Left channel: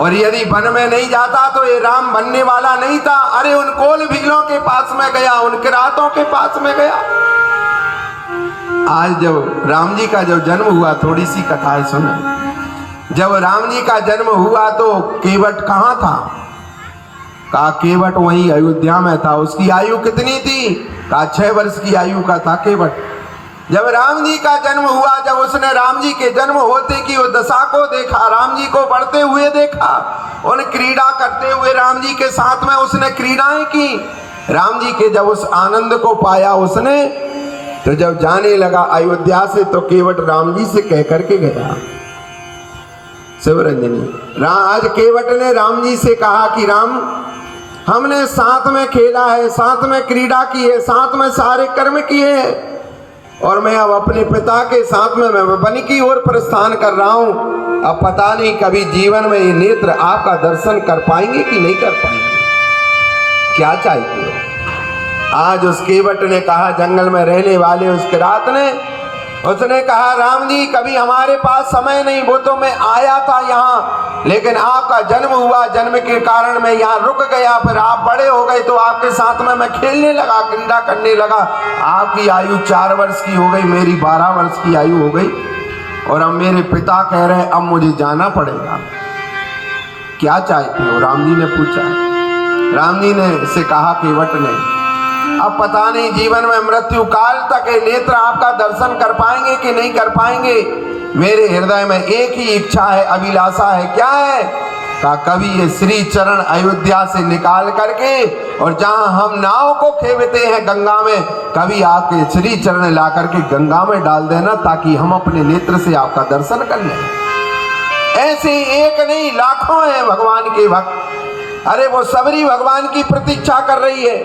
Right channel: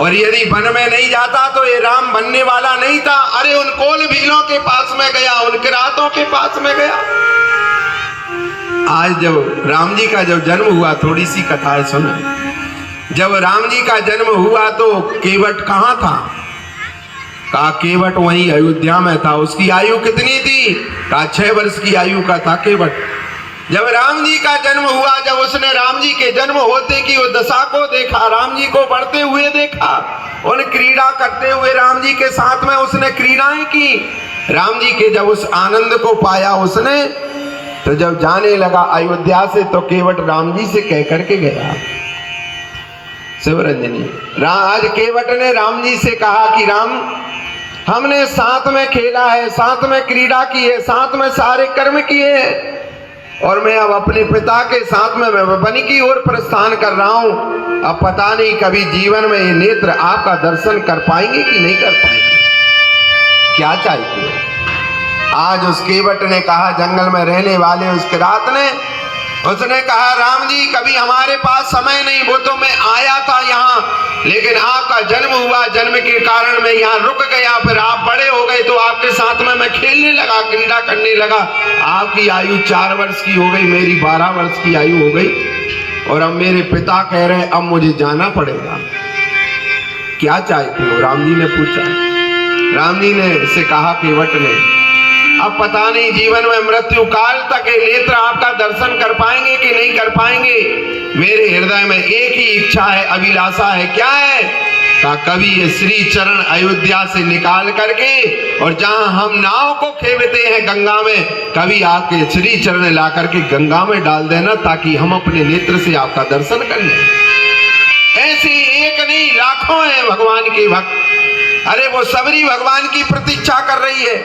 और यदि वन में नहीं जाता तो ये राम बनने वाला नहीं था। अरे उन कोल भीलों के पास में गया, उन किरातों के पास में गया। आज जब राम जी का जब जन्म हुआ, थोड़ी सी कथा है सुनो। जब राम जी का जन्म हुआ तो केवट कहाँ था? कहा केवट वहीं अयोध्या में था। उसकी आयु कितनी थी? कहा 6 वर्ष की आयु का था केवट। जब राम जी का जन्म हुआ, जब उसने राम जी के जन्म होते की वो दशा को देखा, राम जी को बढ़ते हुए देखा, उन क्रीड़ा करते हुए राम जी के साथ में उसने क्रीड़ाएं की। राम जी के जब उस आनंद को पाया उसने, तो जब जाने लगा अयोध्या से तो केवट राम जी से कह करके गया, शिवरंजनी आज केवट ने राम जी से कहा कि राम, हमने साथ में खेला है, साथ में क्रीड़ा की है, साथ में सारे कर्म किए हैं, और मैं अब अपने पिता के साथ में मैं वन की ओर प्रस्थान कर रहा हूं। अब पता नहीं कभी जीवन में ये नेत्र आपका दर्शन कर पाएंगे कि नहीं कर पाएंगे। क्या चाहते हो? आज उस केवट ने कहा, जंगल में रहने वाले उस किरात ने, उसने कहा राम जी कभी हमारे पास समय नहीं, वो तो मैं आया था यहाँ, लेकिन आपका जन्म हुआ, जन्म के कारण मैं यहाँ रुक गया। फिर आप बड़े हो गए तो आपके साथ में मैं खेलने लगा, क्रीड़ा करने लगा। आपकी आयु 4 वर्ष की हो गई, मेरी 12 वर्ष की आयु हो गई, और अब मेरे पिता कह रहे हैं अब मुझे जाना पड़ेगा। क्या चाहते हो? राम जी ने पूछा। राम जी ने से कहा केवट ने, अब पता नहीं जीवन में मृत्यु काल तक ये नेत्र आपका दर्शन कर पाएंगे कि नहीं कर पाएंगे। मेरे हृदय में एक ही इच्छा है, अभिलाषा है। क्या है? का कभी ये श्री चरण अयोध्या से निकाल करके, और जहां हम नाव को खेवते हैं गंगा में, कभी आपके श्री चरण ला करके गंगा में डाल देना, ताकि हम अपने नेत्र से आपका दर्शन कर लें। ऐसे एक नहीं लाखों हैं भगवान के भक्त। अरे वो सबरी भगवान की प्रतीक्षा कर रही है।